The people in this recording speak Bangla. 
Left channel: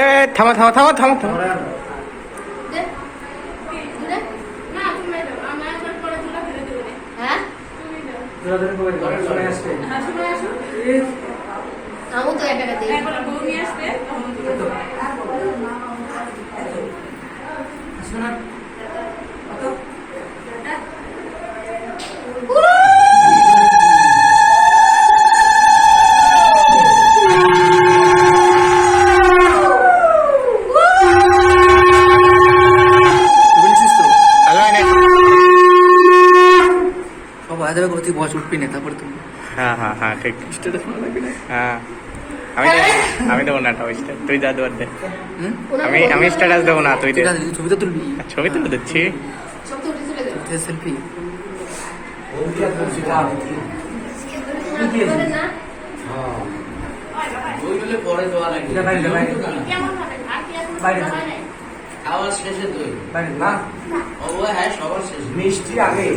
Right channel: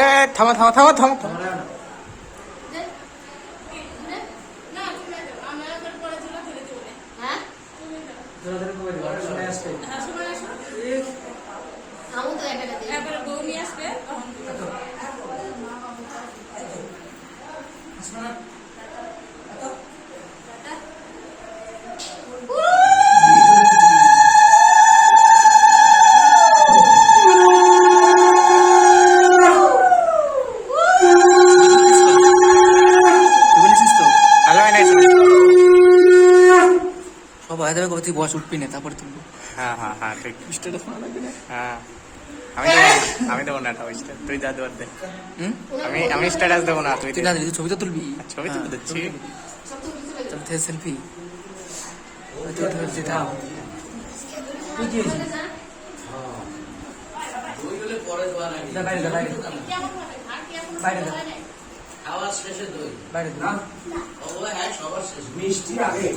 এ থামো থামো থামো থামো থামো। বস উঠবি না তারপর তুমি। হ্যাঁ হ্যাঁ হ্যাঁ ঠিক। হ্যাঁ আমি দেবো না স্টার, তুই যা দেওয়ার দে। আমি স্ট্যাটাস দেবো না, তুই দে। ছবি তো তুলবি, ছবি তুলে দিচ্ছি। সেলফি খাওয়ার শেষে দই, হ্যাঁ সবার শেষে মিষ্টি আগে।